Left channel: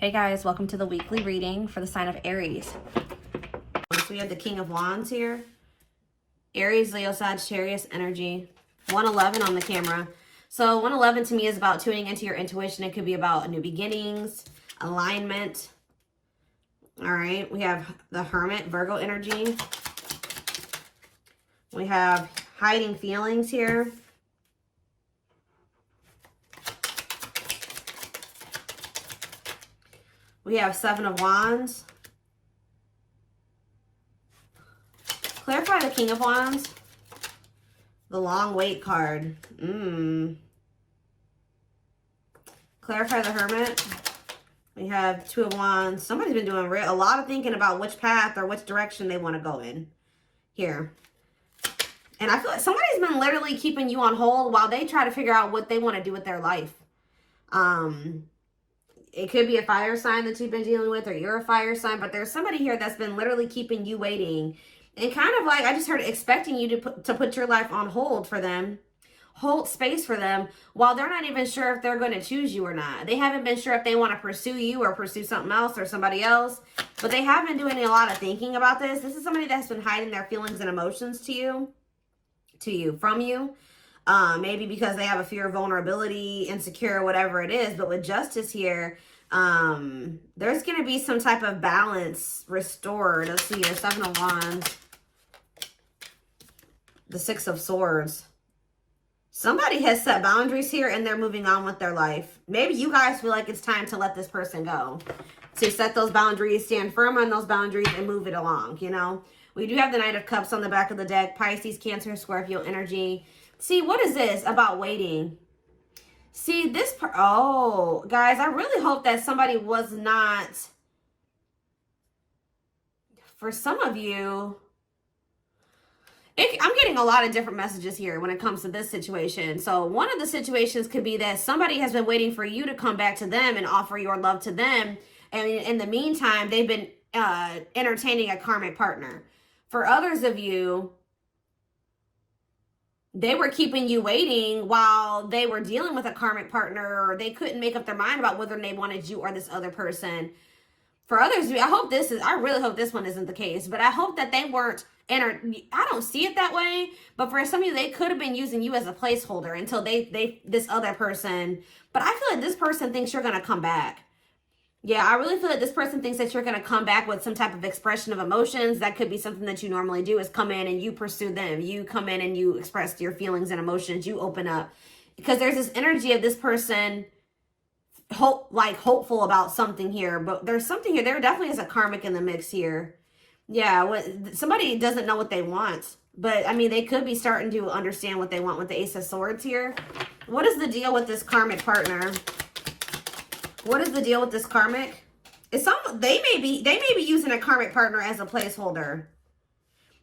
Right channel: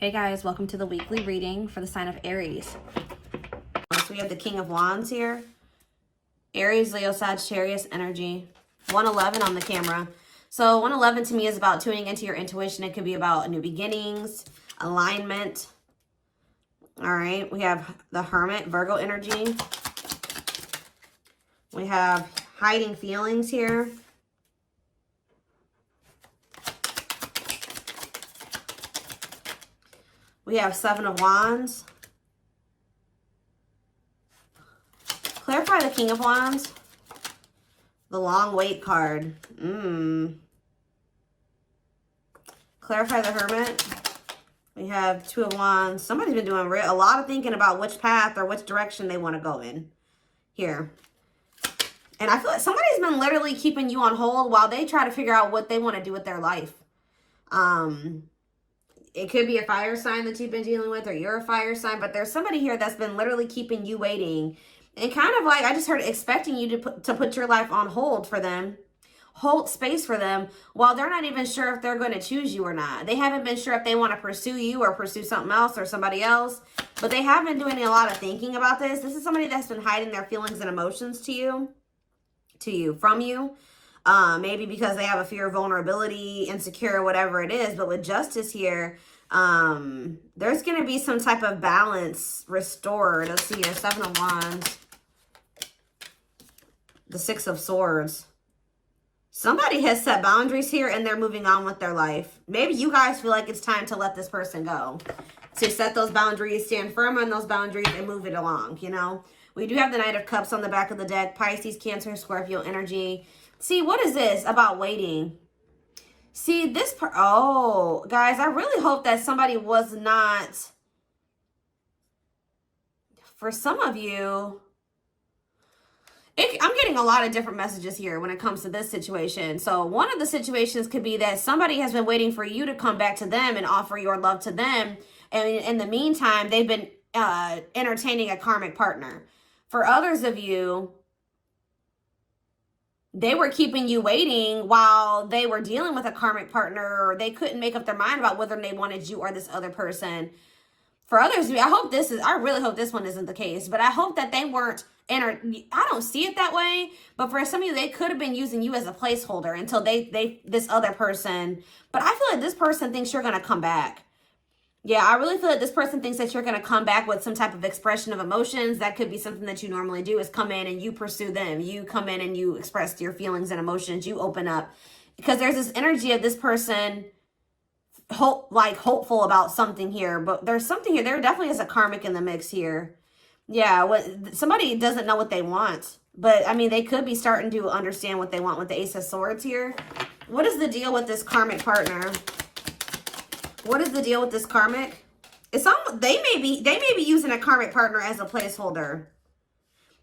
Hey guys, welcome to the weekly reading for the sign of Aries. So we have the King of Wands here. Aries, Leo, Sagittarius energy. 111 on the camera. So 111 to me is about tuning into your intuition. It could be about new beginnings, alignment. All right, we have the Hermit, Virgo energy. We have hiding feelings here. We have Seven of Wands. Clarify the King of Wands. The Long Wait card. Clarify the Hermit. We have Two of Wands. Somebody's been doing a lot of thinking about which path or which direction they want to go in here. And I feel like somebody's been literally keeping you on hold while they try to figure out what they want to do with their life. It could be a fire sign that you've been dealing with, or you're a fire sign, but there's somebody here that's been literally keeping you waiting. And kind of like, I just heard expecting you to put your life on hold for them, hold space for them, while they're not even sure if they're going to choose you or not. They haven't been sure if they want to pursue you or pursue something else or somebody else, but they have been doing a lot of thinking about this. This is somebody that's been hiding their feelings and emotions from you. Maybe because they have a fear of vulnerability, insecure, whatever it is. But with Justice here, there's going to be some type of balance restored. Let's see, the Seven of Wands, the Six of Swords. Somebody has set boundaries here and they're moving on with their life. Maybe you guys feel like it's time to let this person go. To set those boundaries, stand firm on those boundaries and move it along, you know. We do have the Knight of Cups on the back of the deck. Pisces, Cancer, Scorpio energy. See, what is this about waiting? See, oh, guys, I really hope that somebody was not, for some of you, I'm getting a lot of different messages here when it comes to this situation. So one of the situations could be that somebody has been waiting for you to come back to them and offer your love to them. And in the meantime, they've been entertaining a karmic partner. For others of you, they were keeping you waiting while they were dealing with a karmic partner, or they couldn't make up their mind about whether they wanted you or this other person. For others of you, I really hope this one isn't the case, but I hope that they weren't I don't see it that way, but for some of you, they could have been using you as a placeholder until this other person, but I feel like this person thinks you're going to come back. Yeah, I really feel like this person thinks that you're going to come back with some type of expression of emotions. That could be something that you normally do, is come in and you pursue them. You come in and you express your feelings and emotions. You open up. Because there's this energy of this person hopeful about something here. But there's something here. There definitely is a karmic in the mix here. Yeah, somebody doesn't know what they want. But, I mean, they could be starting to understand what they want with the Ace of Swords here. What is the deal with this karmic partner? What is the deal with this karmic? They may be using a karmic partner as a placeholder.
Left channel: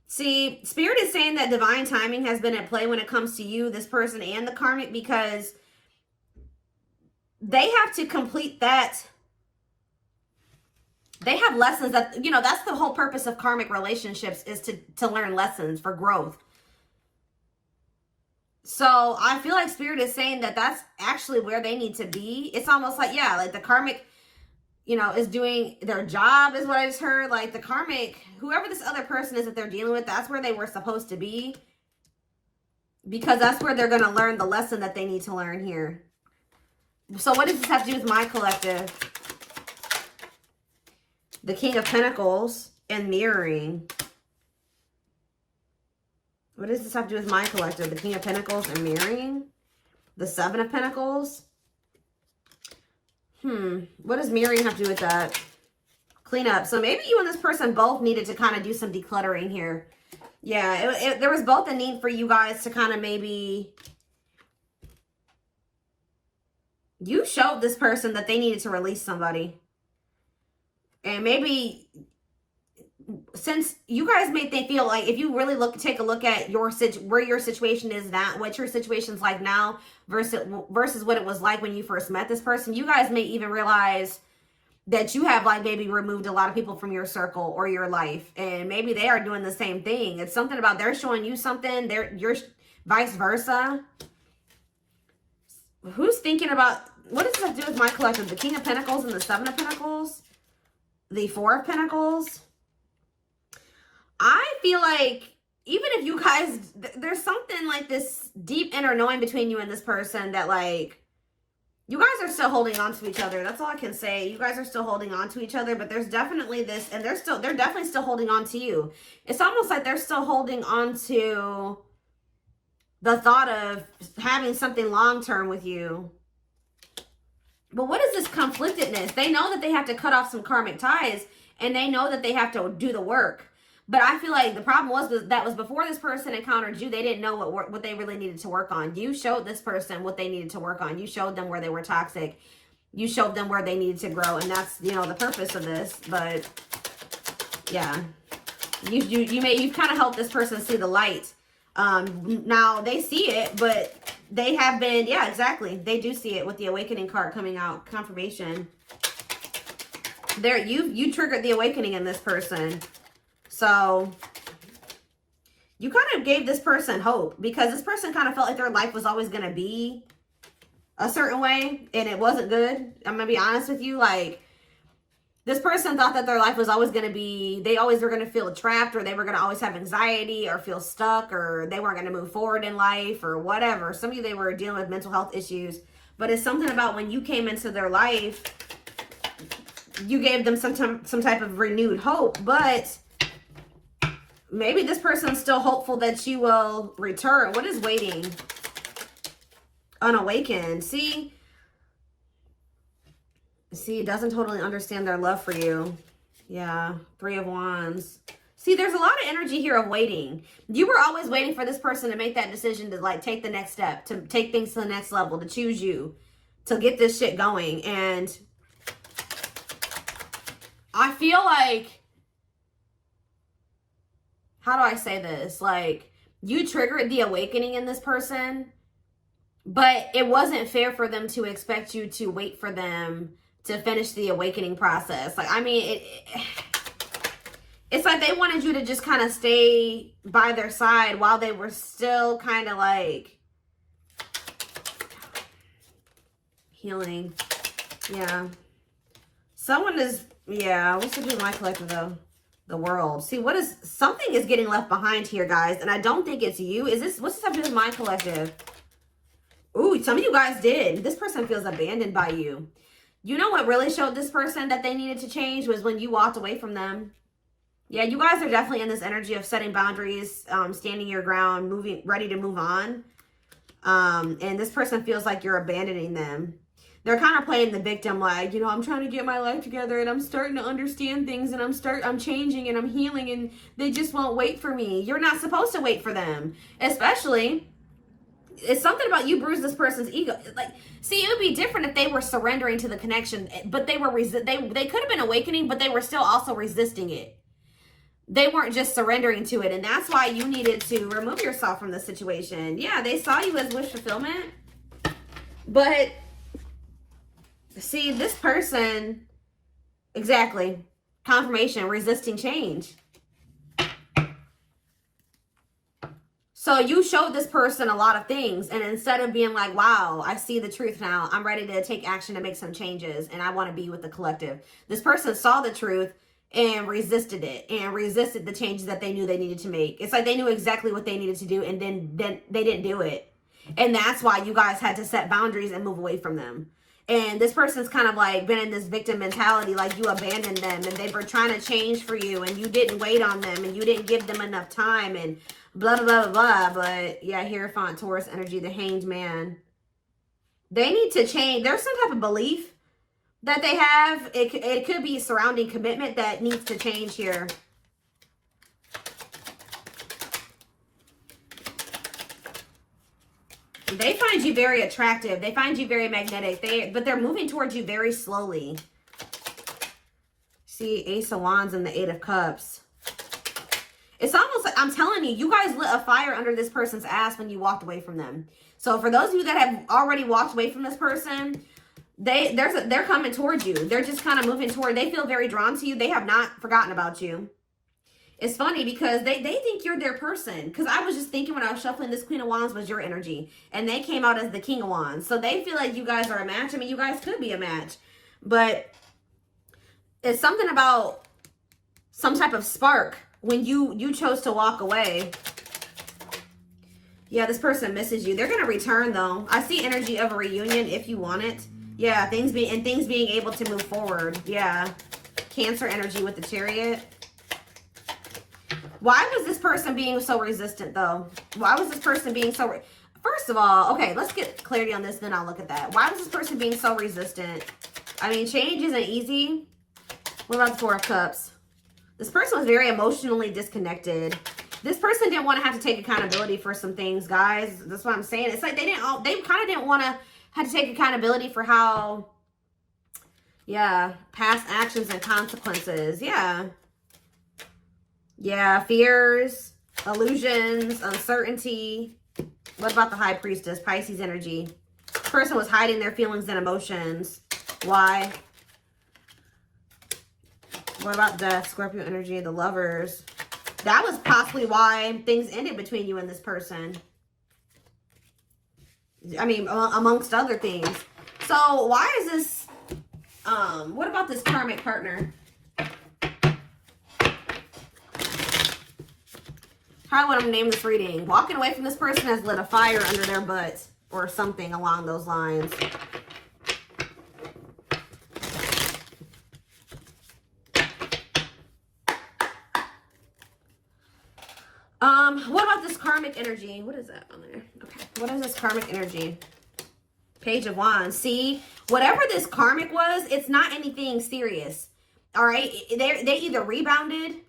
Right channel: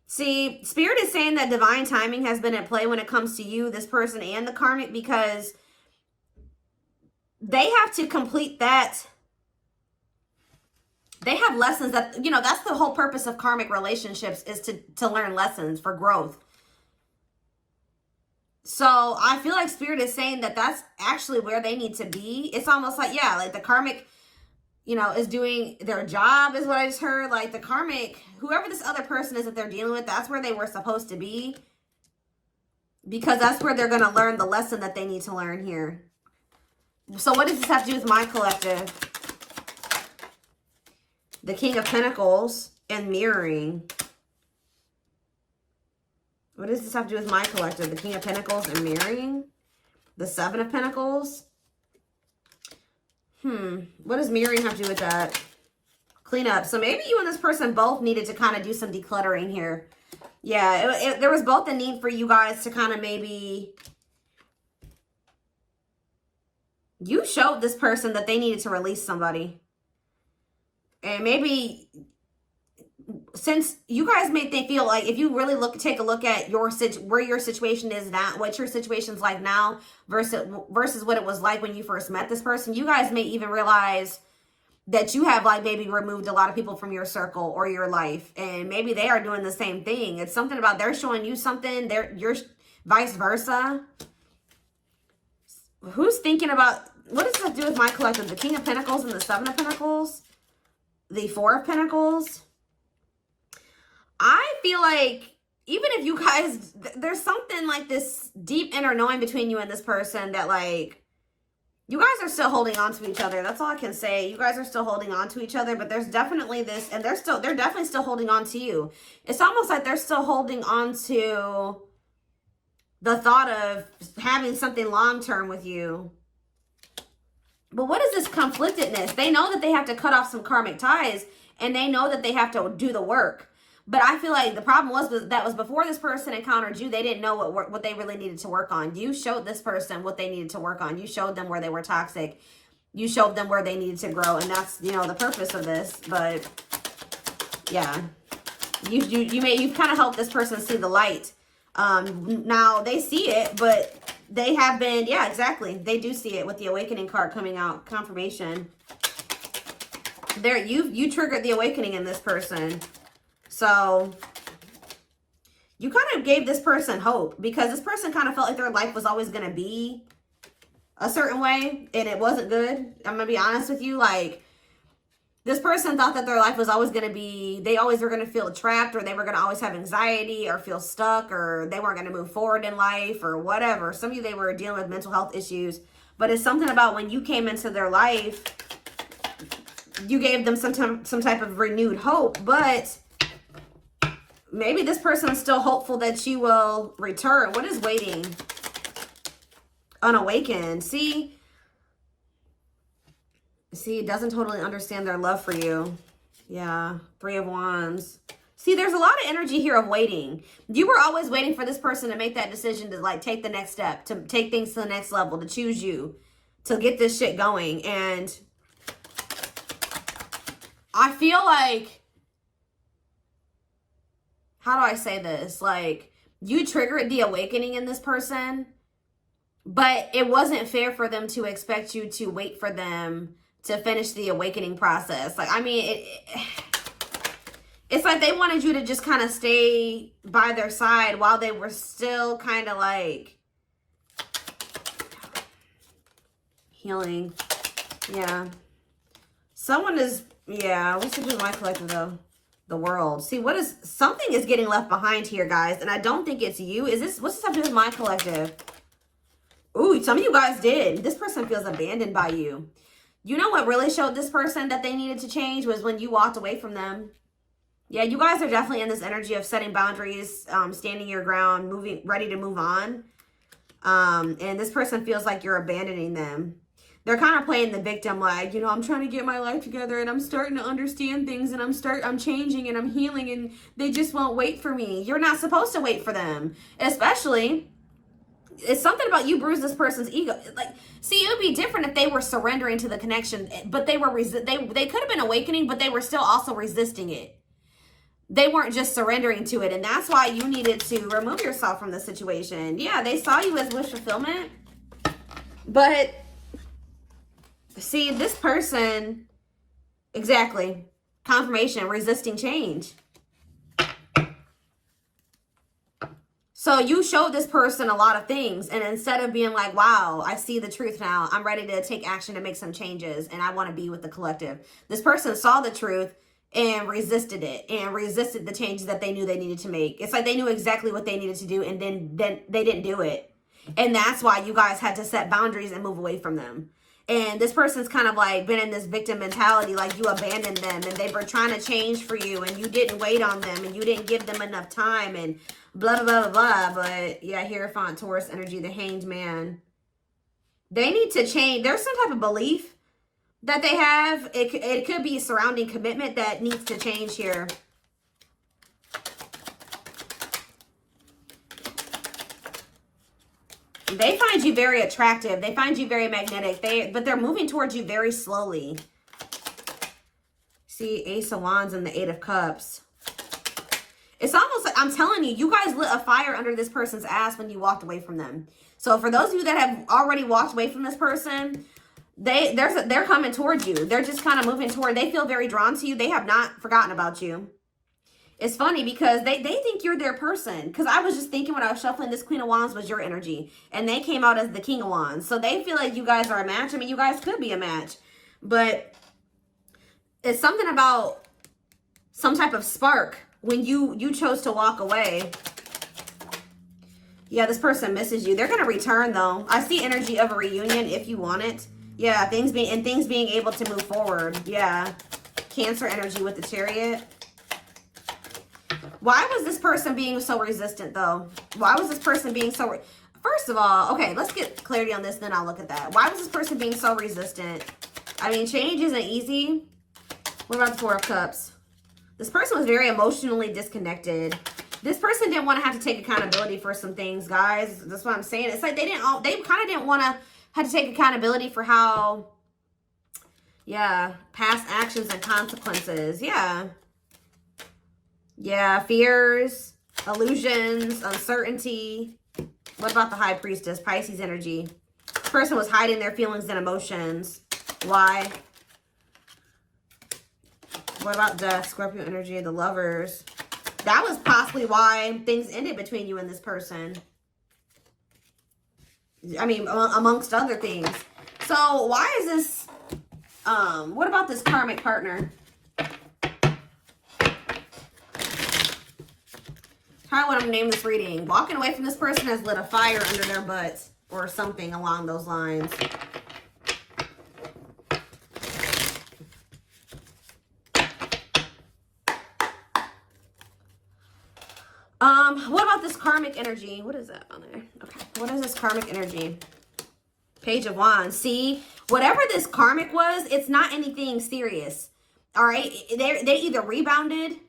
See, Spirit is saying that divine timing has been at play when it comes to you, this person, and the karmic, because they have to complete that. They have lessons that, you know, that's the whole purpose of karmic relationships, is to learn lessons for growth. So I feel like Spirit is saying that that's actually where they need to be. It's almost like, yeah, like the karmic, you know, is doing their job, is what I just heard. Like the karmic, whoever this other person is that they're dealing with, that's where they were supposed to be. Because that's where they're going to learn the lesson that they need to learn here. So what does this have to do with my collective? The King of Pentacles and mirroring. What does this have to do with my collective? The King of Pentacles and mirroring. The Seven of Pentacles. What does mirroring have to do with that? Clean up. So maybe you and this person both needed to kind of do some decluttering here. Yeah, there was both a need for you guys to kind of maybe... You showed this person that they needed to release somebody. And maybe... Since you guys make they feel like, if you really take a look at where your situation is now, what your situation's like now versus what it was like when you first met this person, you guys may even realize that you have like maybe removed a lot of people from your circle or your life, and maybe they are doing the same thing. It's something about they're showing you something, you're vice versa. Who's thinking about what does that do with my collective? The King of Pentacles and the Seven of Pentacles? The Four of Pentacles? I feel like even if you guys, there's something like this deep inner knowing between you and this person that like, you guys are still holding on to each other. That's all I can say. You guys are still holding on to each other, but there's definitely this, and they're definitely still holding on to you. It's almost like they're still holding on to the thought of having something long-term with you. But what is this conflictedness? They know that they have to cut off some karmic ties, and they know that they have to do the work. But I feel like the problem was that was before this person encountered you, they didn't know what they really needed to work on. You showed this person what they needed to work on. You showed them where they were toxic. You showed them where they needed to grow. And that's, you know, the purpose of this. But yeah, you kind of helped this person see the light. Now they see it, but they have been, yeah, exactly. They do see it with the awakening card coming out, confirmation. There, you triggered the awakening in this person. So you kind of gave this person hope, because this person kind of felt like their life was always going to be a certain way, and it wasn't good. I'm going to be honest with you. Like, this person thought that their life was always going to be, they always were going to feel trapped, or they were going to always have anxiety or feel stuck, or they weren't going to move forward in life or whatever. Some of you, they were dealing with mental health issues, but it's something about when you came into their life, you gave them some type of renewed hope. But maybe this person is still hopeful that you will return. What is waiting? Unawakened. See, it doesn't totally understand their love for you. Yeah, Three of Wands. See, there's a lot of energy here of waiting. You were always waiting for this person to make that decision to like take the next step, to take things to the next level, to choose you, to get this shit going. And I feel like, how do I say this? Like, you triggered the awakening in this person, but it wasn't fair for them to expect you to wait for them to finish the awakening process. Like, I mean, it's like they wanted you to just kind of stay by their side while they were still kind of like healing. Yeah. Someone is, yeah, what's it in my collective though? The World. See, something is getting left behind here, guys, and I don't think it's you. What's this have to do with my collective? Ooh, some of you guys did. This person feels abandoned by you. You know what really showed this person that they needed to change was when you walked away from them. Yeah, you guys are definitely in this energy of setting boundaries, standing your ground, ready to move on. And this person feels like you're abandoning them. They're kind of playing the victim, like, you know, I'm trying to get my life together and I'm starting to understand things and I'm changing and I'm healing and they just won't wait for me. You're not supposed to wait for them. Especially, it's something about you bruised this person's ego. Like, see, it would be different if they were surrendering to the connection, but they could have been awakening, but they were still also resisting it. They weren't just surrendering to it, and that's why you needed to remove yourself from the situation. Yeah, they saw you as wish fulfillment, but see, this person, exactly, confirmation, resisting change. So you showed this person a lot of things, and instead of being like, wow, I see the truth now, I'm ready to take action and make some changes, and I want to be with the collective. This person saw the truth and resisted it, and resisted the changes that they knew they needed to make. It's like they knew exactly what they needed to do, and then they didn't do it. And that's why you guys had to set boundaries and move away from them. And this person's kind of like been in this victim mentality, like you abandoned them and they were trying to change for you and you didn't wait on them and you didn't give them enough time and blah, blah, blah, blah. But yeah, Hierophant, Taurus energy, the Hanged Man. They need to change. There's some type of belief that they have. It could be surrounding commitment that needs to change here. They find you very attractive. They find you very magnetic. But they're moving towards you very slowly. See, Ace of Wands and the Eight of Cups. It's almost like, I'm telling you, you guys lit a fire under this person's ass when you walked away from them. So for those of you that have already walked away from this person, they're coming towards you. They're just kind of moving toward. They feel very drawn to you. They have not forgotten about you. It's funny because they think you're their person. Because I was just thinking when I was shuffling, this Queen of Wands was your energy. And they came out as the King of Wands. So they feel like you guys are a match. I mean, you guys could be a match. But it's something about some type of spark when you chose to walk away. Yeah, this person misses you. They're going to return, though. I see energy of a reunion if you want it. Yeah, things being able to move forward. Yeah. Cancer energy with the Chariot. Why was this person being so resistant, though? Why was this person being so... First of all, okay, let's get clarity on this, then I'll look at that. Why was this person being so resistant? I mean, change isn't easy. What about the Four of Cups? This person was very emotionally disconnected. This person didn't want to have to take accountability for some things, guys. That's what I'm saying. It's like they kind of didn't want to have to take accountability for how, yeah, past actions and consequences. Yeah. Yeah, fears, illusions, uncertainty. What about the High Priestess? Pisces energy. This person was hiding their feelings and emotions. Why? What about Death? Scorpio energy, the Lovers. That was possibly why things ended between you and this person. I mean, amongst other things. So, why is this... what about this karmic partner? How would I name this reading? Walking away from this person has lit a fire under their butts. Or something along those lines. What about this karmic energy? What is that on there? Okay. What is this karmic energy? Page of Wands. See, whatever this karmic was, it's not anything serious. All right. They either rebounded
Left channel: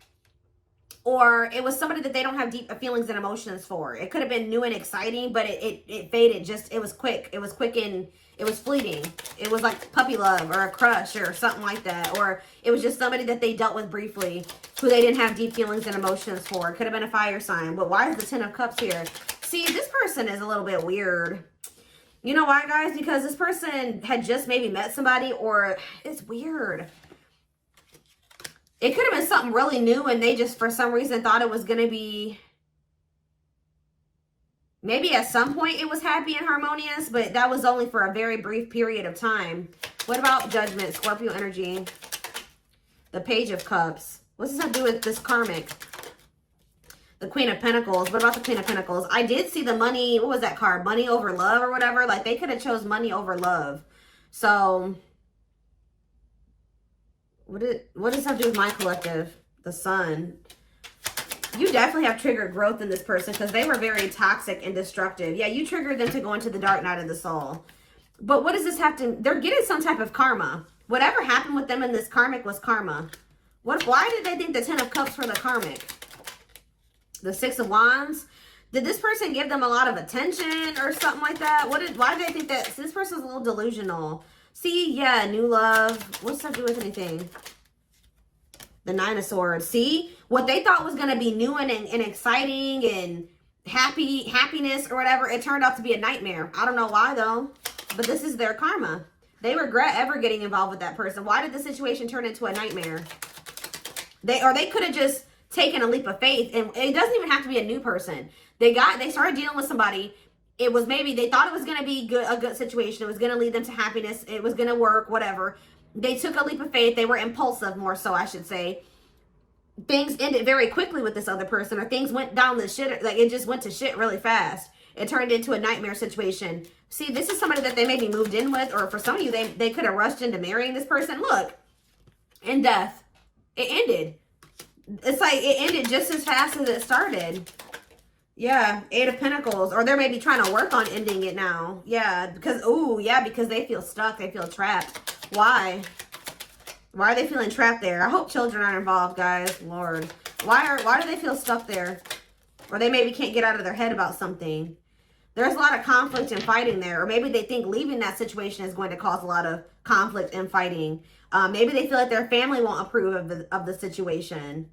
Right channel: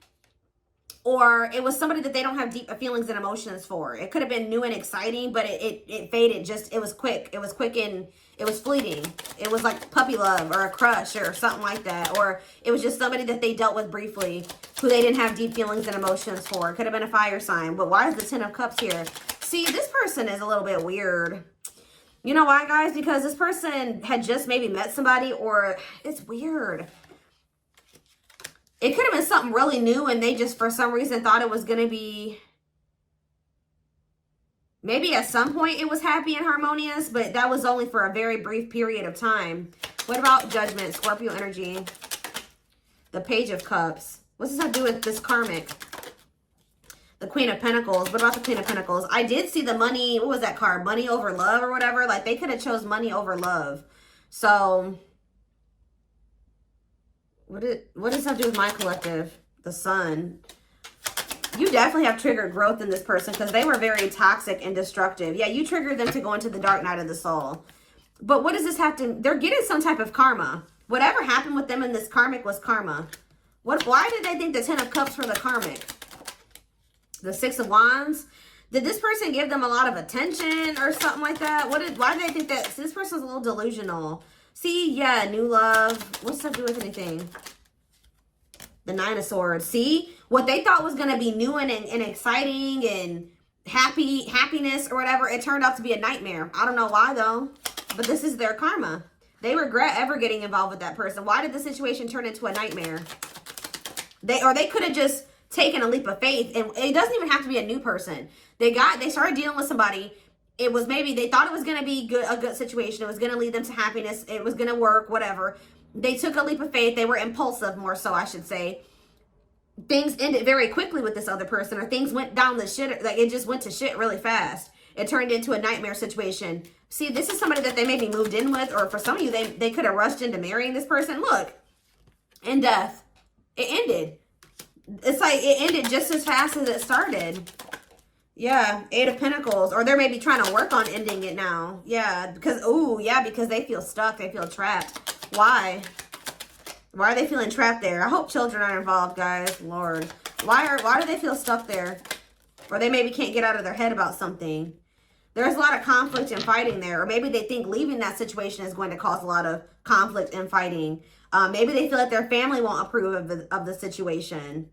or it was somebody that they don't have deep feelings and emotions for. It could have been new and exciting, but it faded. It was quick. It was quick and it was fleeting. It was like puppy love or a crush or something like that. Or it was just somebody that they dealt with briefly who they didn't have deep feelings and emotions for. It could have been a fire sign. But why is the Ten of Cups here? See, this person is a little bit weird. You know why, guys? Because this person had just maybe met somebody, or it's weird. It could have been something really new and they just, for some reason, thought it was going to be... Maybe at some point it was happy and harmonious, but that was only for a very brief period of time. What about Judgment, Scorpio energy? The Page of Cups. What's this have to do with this karmic? The Queen of Pentacles. What about the Queen of Pentacles? I did see the money. What was that card? Money over love or whatever. Like they could have chose money over love. So... What does that do with my collective? The Sun. You definitely have triggered growth in this person because they were very toxic and destructive. Yeah, you triggered them to go into the dark night of the soul. But what does this have to... They're getting some type of karma. Whatever happened with them in this karmic was karma. Why did they think the Ten of Cups were the karmic? The Six of Wands. Did this person give them a lot of attention or something like that? Why did they think that? This person's a little delusional. See, yeah, new love. What's that do with anything? The Nine of Swords. See, what they thought was going to be new and exciting and happiness or whatever, it turned out to be a nightmare. I don't know why, though, but this is their karma. They regret ever getting involved with that person. Why did the situation turn into a nightmare? They could have just taken a leap of faith, and it doesn't even have to be a new person. They started dealing with somebody. It was maybe they thought it was going to be a good situation. It was going to lead them to happiness. It was going to work, whatever. They took a leap of faith. They were impulsive, more so, I should say. Things ended very quickly with this other person, or things went down the shit. Like, it just went to shit really fast. It turned into a nightmare situation. See, this is somebody that they maybe moved in with, or for some of you, they could have rushed into marrying this person. Look, in death, it ended. It's like it ended just as fast as it started. Yeah, Eight of Pentacles. Or they're maybe trying to work on ending it now. Yeah, because, because they feel stuck. They feel trapped. Why? Why are they feeling trapped there? I hope children aren't involved, guys. Lord. Why do they feel stuck there? Or they maybe can't get out of their head about something. There's a lot of conflict and fighting there. Or maybe they think leaving that situation is going to cause a lot of conflict and fighting. Maybe they feel like their family won't approve of the situation.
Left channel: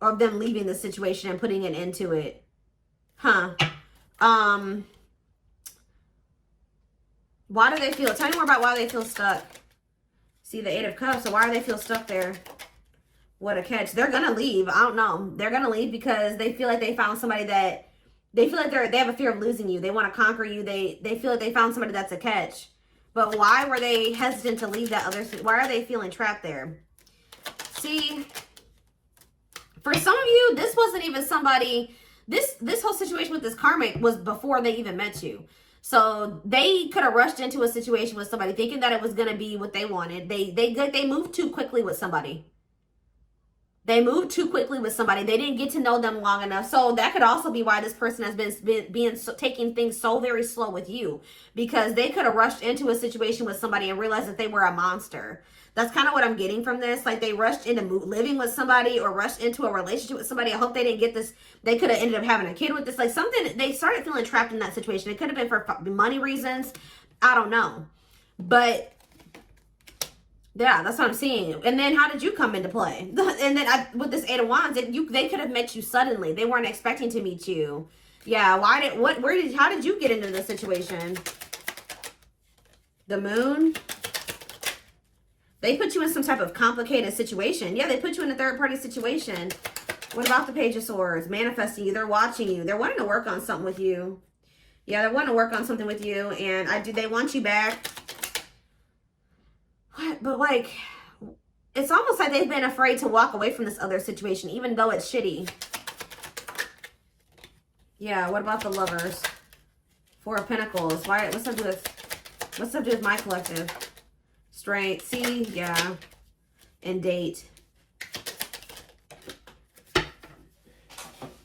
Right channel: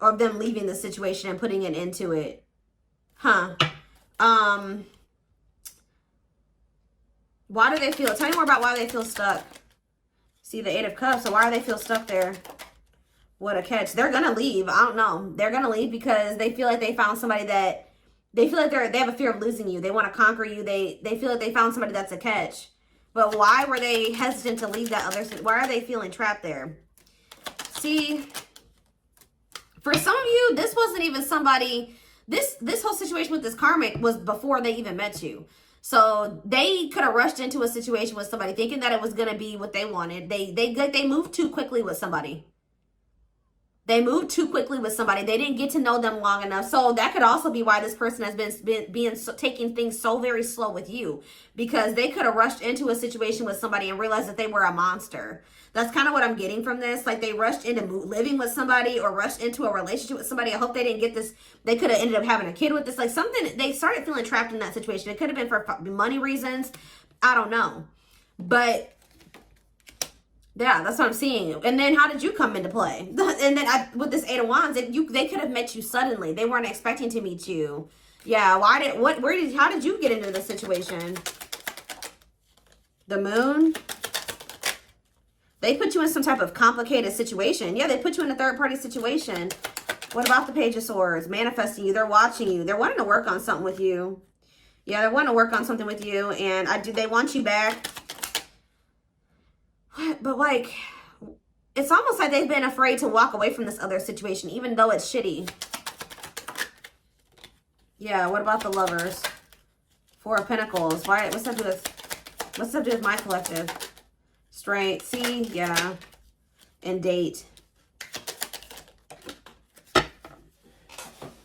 Or them leaving the situation and putting an end to it. Huh. Why do they feel... Tell me more about why they feel stuck. See the Eight of Cups. So why do they feel stuck there? What a catch. They're going to leave. I don't know. They're going to leave because they feel like they found somebody that, they feel like they have a fear of losing you. They want to conquer you. They feel like they found somebody that's a catch. But why were they hesitant to leave that other, why are they feeling trapped there? See, for some of you, this wasn't even somebody, this whole situation with this karmic was before they even met you. So they could have rushed into a situation with somebody thinking that it was going to be what they wanted. They moved too quickly with somebody. They moved too quickly with somebody. They didn't get to know them long enough. So that could also be why this person has been taking things so very slow with you, because they could have rushed into a situation with somebody and realized that they were a monster. That's kind of what I'm getting from this. Like, they rushed into living with somebody or rushed into a relationship with somebody. I hope they didn't get this. They could have ended up having a kid with this. Like, something, they started feeling trapped in that situation. It could have been for money reasons. I don't know. But yeah, that's what I'm seeing. And then how did you come into play? And then with this Eight of Wands, they could have met you suddenly. They weren't expecting to meet you. Yeah, how did you get into this situation? The Moon. They put you in some type of complicated situation. Yeah, they put you in a third-party situation. What about the Page of Swords? Manifesting you. They're watching you. They're wanting to work on something with you. Yeah, they're wanting to work on something with you. And they want you back. But, like, it's almost like they've been afraid to walk away from this other situation, even though it's shitty. Yeah, what about the Lovers? Four of Pentacles. What's that do with my collective? Strength. See? Yeah. And Date.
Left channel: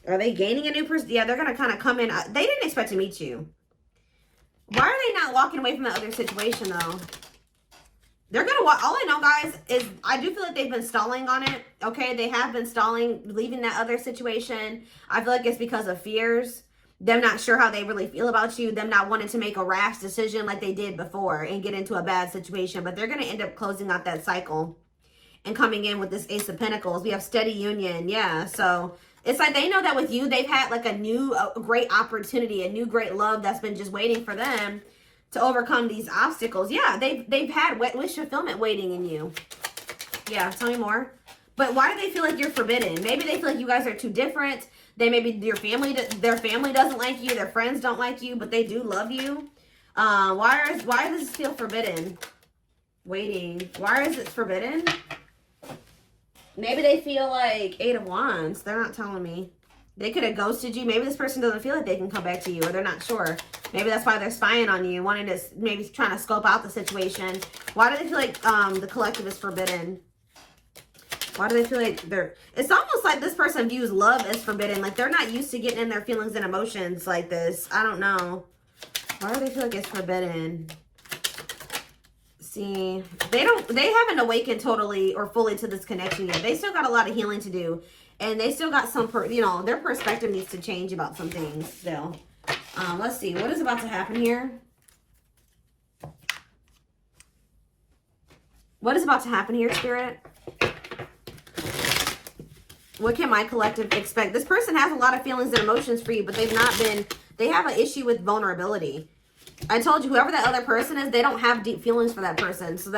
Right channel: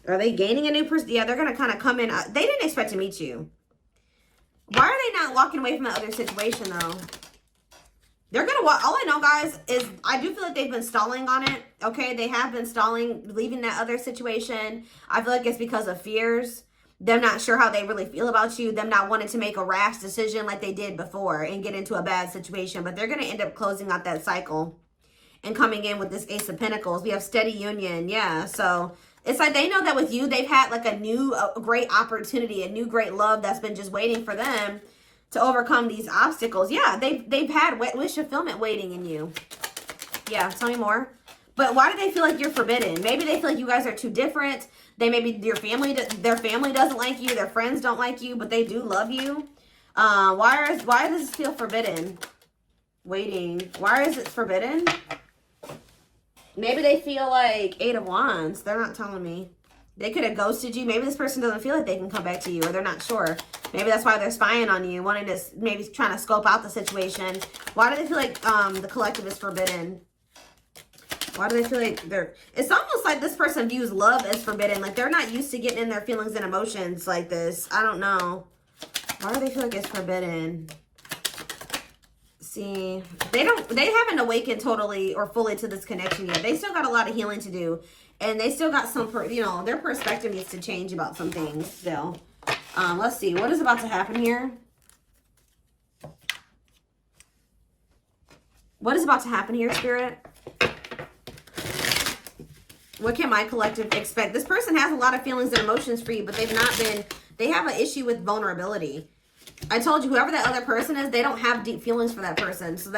Are they gaining a new person? Yeah, they're going to kind of come in. They didn't expect to meet you. Why are they not walking away from the other situation, though? They're going to walk. All I know, guys, is I do feel like they've been stalling on it. Okay, they have been stalling, leaving that other situation. I feel like it's because of fears. Them not sure how they really feel about you. Them not wanting to make a rash decision like they did before and get into a bad situation. But they're going to end up closing out that cycle and coming in with this Ace of Pentacles. We have steady union. Yeah, so it's like they know that with you, they've had like a great opportunity, a new great love that's been just waiting for them to overcome these obstacles. Yeah, they've had wish fulfillment waiting in you. Yeah, tell me more. But why do they feel like you're forbidden? Maybe they feel like you guys are too different. Maybe their family doesn't like you. Their friends don't like you, but they do love you. Why does this feel forbidden? Waiting. Why is it forbidden? Maybe they feel like Eight of Wands. They're not telling me. They could have ghosted you. Maybe this person doesn't feel like they can come back to you, or they're not sure. Maybe that's why they're spying on you, wanting to maybe trying to scope out the situation. Why do they feel like the collective is forbidden? Why do they feel like it's almost like this person views love as forbidden. Like they're not used to getting in their feelings and emotions like this. I don't know. Why do they feel like it's forbidden? See, they haven't awakened totally or fully to this connection yet. They still got a lot of healing to do. And they still got some, their perspective needs to change about some things still. Let's see. What is about to happen here? What is about to happen here, Spirit? What can my collective expect? This person has a lot of feelings and emotions for you, but they have an issue with vulnerability. I told you, whoever that other person is, they don't have deep feelings for that person. So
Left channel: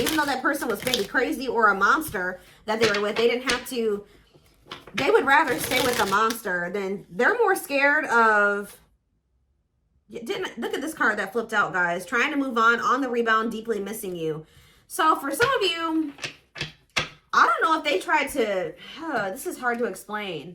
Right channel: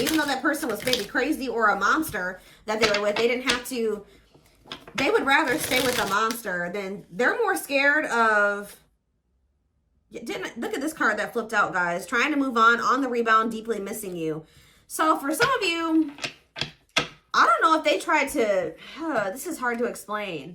even though that person was maybe crazy or a monster that they were with, they didn't have to, they would rather stay with a monster than, they're more scared of, look at this card that flipped out, guys. Trying to move on the rebound, deeply missing you. So for some of you, I don't know if they tried to, this is hard to explain.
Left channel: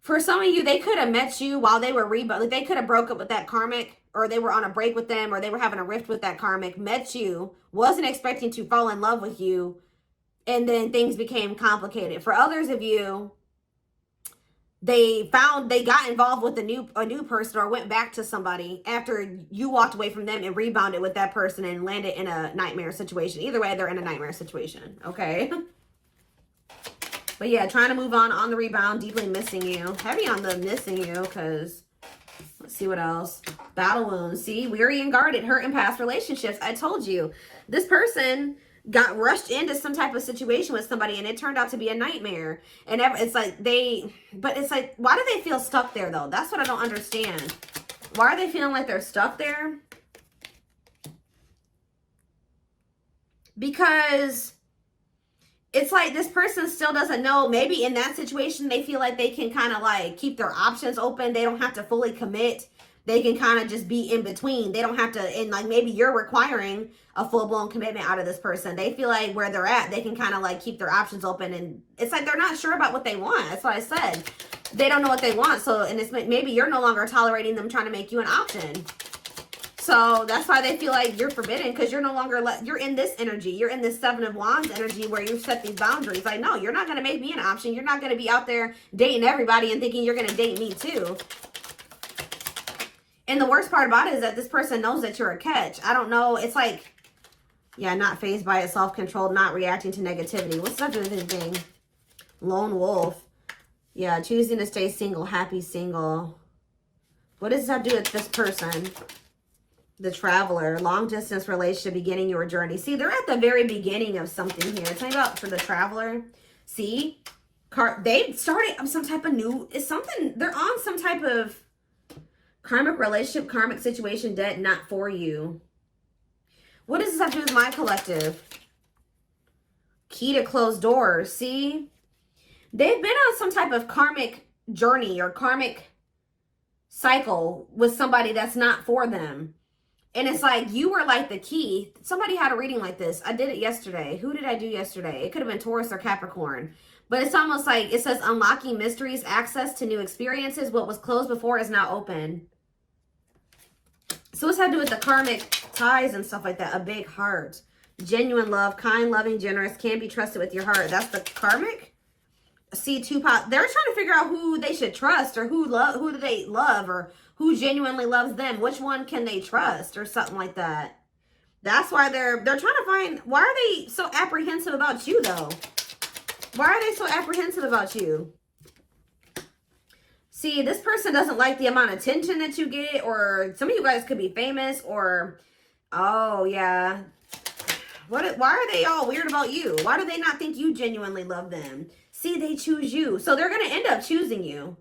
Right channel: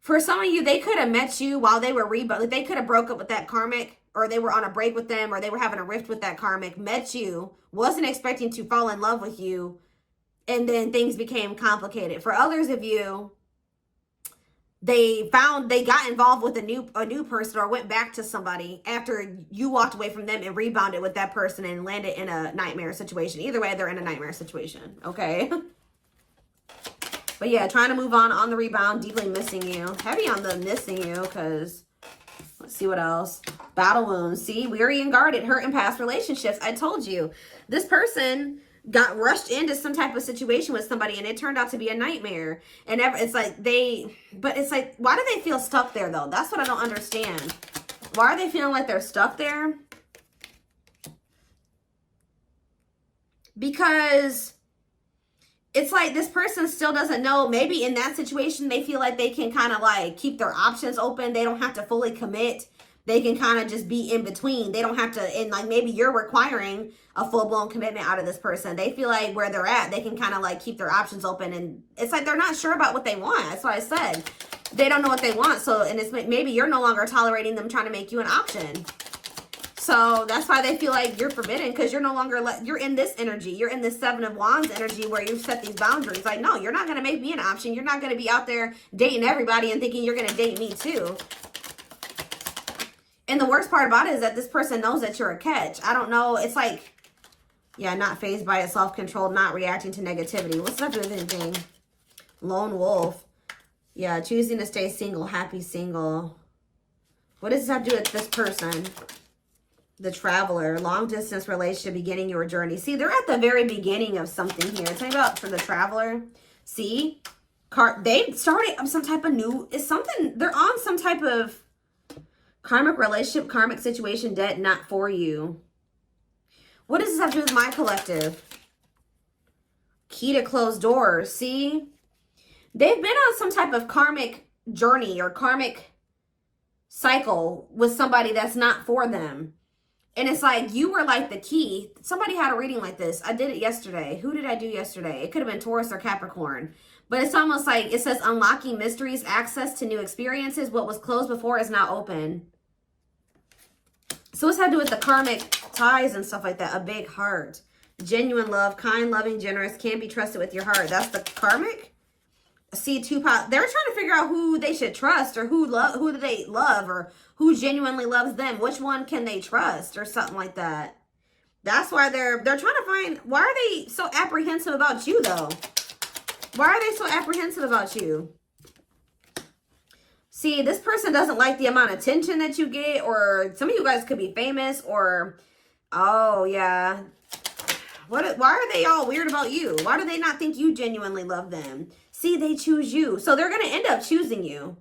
For some of you, they could have met you while they were rebound. Like they could have broke up with that karmic, or they were on a break with them, or they were having a rift with that karmic, met you, wasn't expecting to fall in love with you, and then things became complicated. For others of you, they got involved with a new person or went back to somebody after you walked away from them and rebounded with that person and landed in a nightmare situation. Either way, they're in a nightmare situation, okay? But yeah, trying to move on the rebound, deeply missing you. Heavy on the missing you, because let's see what else. Battle wounds. See, weary and guarded, hurt in past relationships. I told you, this person got rushed into some type of situation with somebody and it turned out to be a nightmare. And it's like but it's like, why do they feel stuck there though? That's what I don't understand. Why are they feeling like they're stuck there? Because it's like this person still doesn't know. Maybe in that situation, they feel like they can kind of like keep their options open. They don't have to fully commit. They can kind of just be in between. They don't have to, and like maybe you're requiring a full-blown commitment out of this person. They feel like where they're at, they can kind of like keep their options open. And it's like they're not sure about what they want. That's what I said. They don't know what they want. So, and it's maybe you're no longer tolerating them trying to make you an option. So that's why they feel like you're forbidden, because you're no longer, you're in this energy. You're in this Seven of Wands energy where you've set these boundaries. Like, no, you're not going to make me an option. You're not going to be out there dating everybody and thinking you're going to date me too. And the worst part about it is that this person knows that you're a catch. I don't know. It's like, yeah, not fazed by it, self-controlled, not reacting to negativity. What's the other thing? Lone wolf. Yeah, choosing to stay single, happy single. What does that do with this person? The traveler, long distance relationship, beginning your journey. See, they're at the very beginning of something here. It's like about for the traveler. See, they started some type of new, it's something, they're on some type of karmic relationship, karmic situation, debt not for you. What does this have to do with my collective? Key to closed doors. See, they've been on some type of karmic journey or karmic cycle with somebody that's not for them. And it's like, you were like the key. Somebody had a reading like this. I did it yesterday. Who did I do yesterday? It could have been Taurus or Capricorn. But it's almost like, it says, unlocking mysteries, access to new experiences. What was closed before is now open. So what's that to do with the karmic ties and stuff like that? A big heart. Genuine love, kind, loving, generous, can be trusted with your heart. That's the karmic. See, they're trying to figure out who they should trust, or who do they love, or who genuinely loves them. Which one can they trust, or something like that. That's why they're trying to find, why are they so apprehensive about you though? Why are they so apprehensive about you? See, this person doesn't like the amount of attention that you get, or some of you guys could be famous, or, oh yeah. Why are they all weird about you? Why do they not think you genuinely love them? See, they choose you. So they're going to end up choosing you.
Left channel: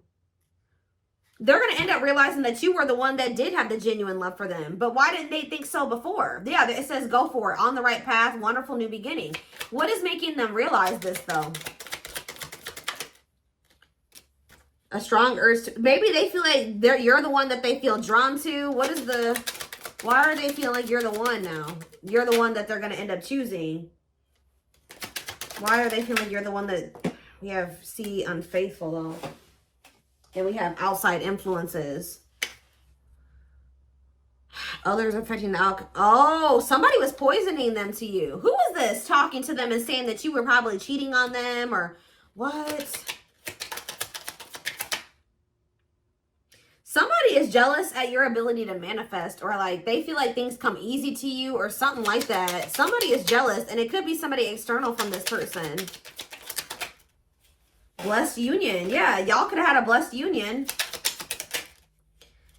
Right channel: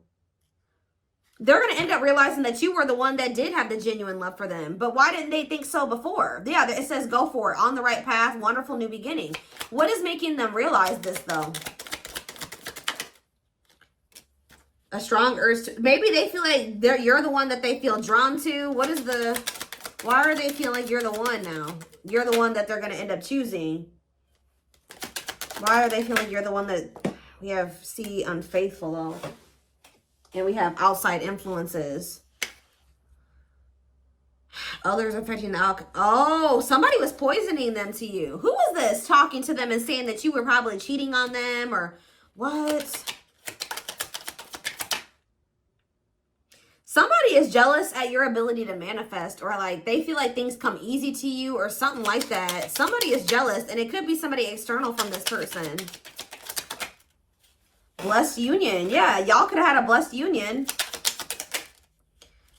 They're going to end up realizing that you were the one that did have the genuine love for them. But why didn't they think so before? Yeah, it says go for it. On the right path. Wonderful new beginning. What is making them realize this though? A strong urge to, maybe they feel like you're the one that they feel drawn to. What is the, why are they feeling like you're the one now? You're the one that they're going to end up choosing. Why are they feeling you're the one that, we have C, unfaithful though. And we have outside influences. Others affecting the alcohol. Oh, somebody was poisoning them to you. Who was this talking to them and saying that you were probably cheating on them, or what? Somebody is jealous at your ability to manifest, or like they feel like things come easy to you or something like that. Somebody is jealous, and it could be somebody external from this person. Blessed union. Yeah, y'all could have had a blessed union.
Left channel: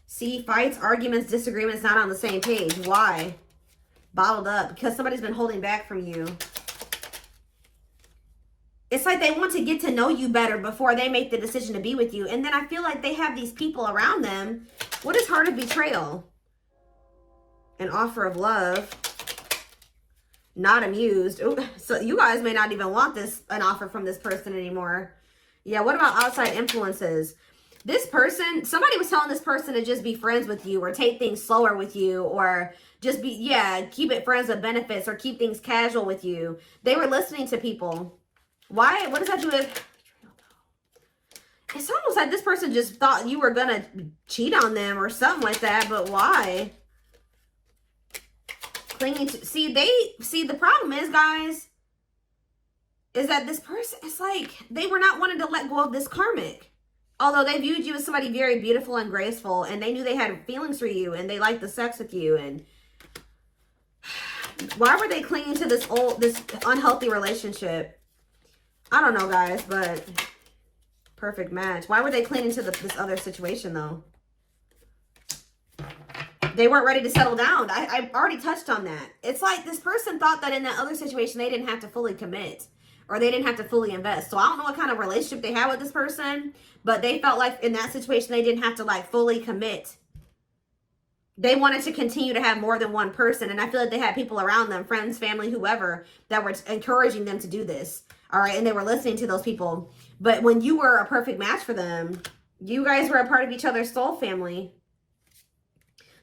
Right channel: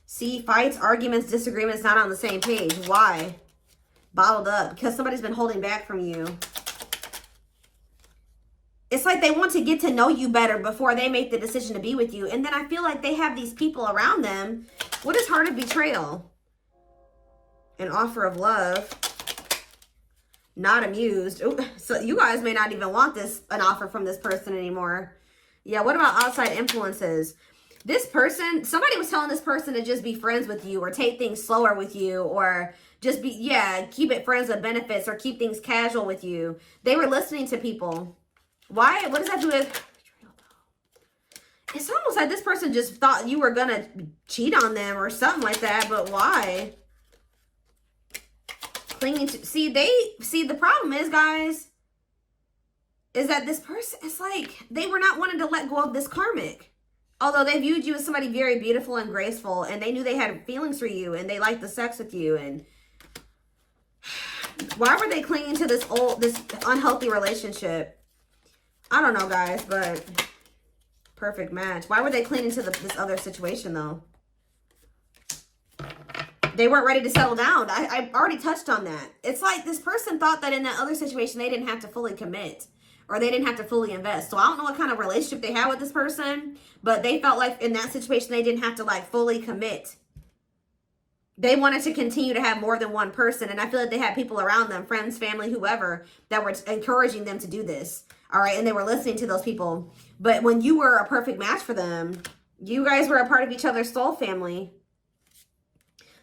See, fights, arguments, disagreements, not on the same page. Why? Bottled up. Because somebody's been holding back from you. It's like they want to get to know you better before they make the decision to be with you. And then I feel like they have these people around them. What is heart of betrayal? An offer of love. Not amused. Ooh, so you guys may not even want an offer from this person anymore. Yeah, what about outside influences? This person, somebody was telling this person to just be friends with you, or take things slower with you, or just be, yeah, keep it friends with benefits, or keep things casual with you. They were listening to people. Why? What does that do with? It's almost like this person just thought you were going to cheat on them or something like that, but why? Clinging to, see, the problem is, guys, is that this person, it's like they were not wanting to let go of this karmic. Although they viewed you as somebody very beautiful and graceful, and they knew they had feelings for you, and they liked the sex with you, and why were they clinging to this unhealthy relationship? I don't know, guys, but perfect match. Why were they clinging to this other situation, though? They weren't ready to settle down. I already touched on that. It's like this person thought that in that other situation, they didn't have to fully commit, or they didn't have to fully invest. So I don't know what kind of relationship they had with this person, but they felt like in that situation, they didn't have to like fully commit. They wanted to continue to have more than one person. And I feel like they had people around them, friends, family, whoever, that were encouraging them to do this. All right. And they were listening to those people. But when you were a perfect match for them, you guys were a part of each other's soul family.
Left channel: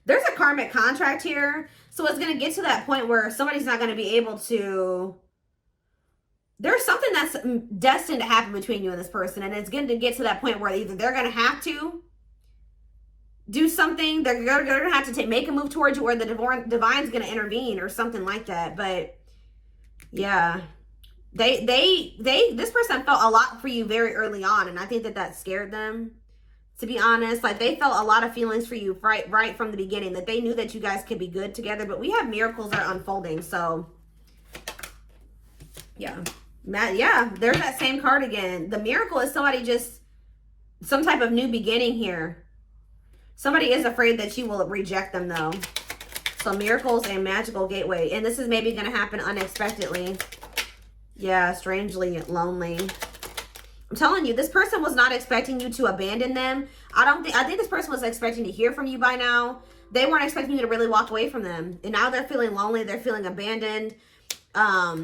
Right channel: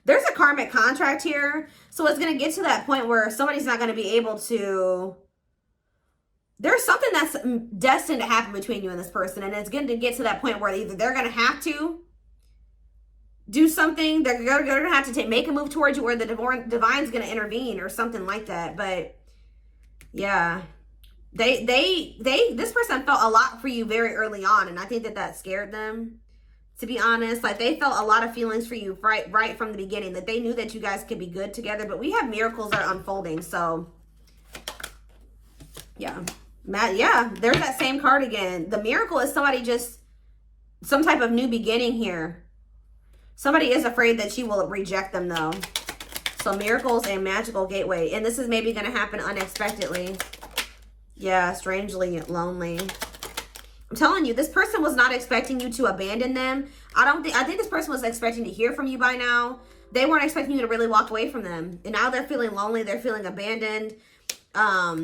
There's a karmic contract here. So it's going to get to that point where somebody's not going to be able to... There's something that's destined to happen between you and this person. And it's going to get to that point where either they're going to have to do something, they're going to have to make a move towards you, or the divine's going to intervene or something like that. But yeah, this person felt a lot for you very early on. And I think that scared them, to be honest. Like, they felt a lot of feelings for you right from the beginning, that they knew that you guys could be good together. But we have miracles are unfolding. So yeah, there's that same card again. The miracle is somebody just, some type of new beginning here. Somebody is afraid that you will reject them, though. So miracles and magical gateway. And this is maybe going to happen unexpectedly. Yeah, strangely lonely. I'm telling you, this person was not expecting you to abandon them. I think this person was expecting to hear from you by now. They weren't expecting you to really walk away from them. And now they're feeling lonely. They're feeling abandoned.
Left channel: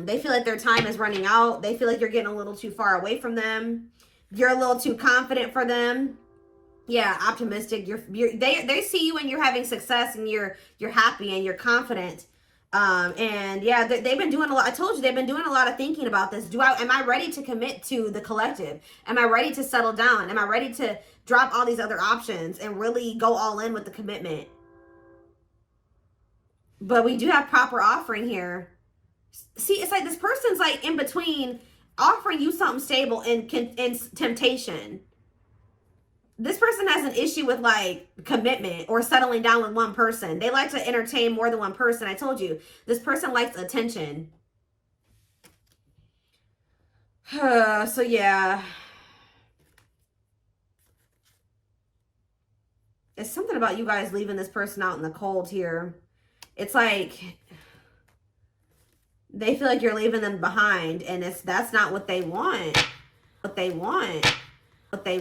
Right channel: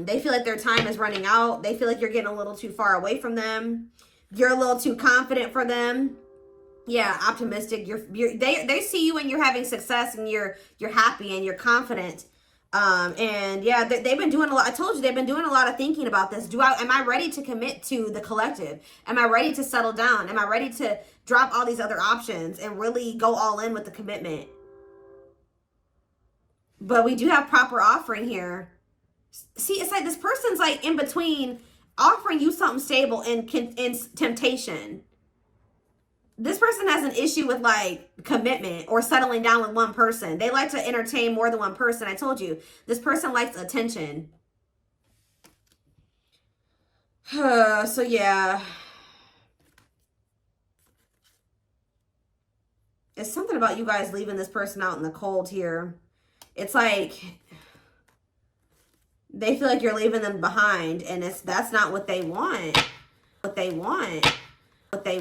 They feel like their time is running out. They feel like you're getting a little too far away from them. You're a little too confident for them. Yeah, optimistic. They see you and you're having success, and you're happy and you're confident. And yeah, they've been doing a lot. I told you, they've been doing a lot of thinking about this. Am I ready to commit to the collective? Am I ready to settle down? Am I ready to drop all these other options and really go all in with the commitment? But we do have proper offering here. See, it's like this person's like in between offering you something stable and temptation. This person has an issue with like commitment or settling down with one person. They like to entertain more than one person. I told you, this person likes attention. So yeah. It's something about you guys leaving this person out in the cold here. It's like they feel like you're leaving them behind, and that's not what they want.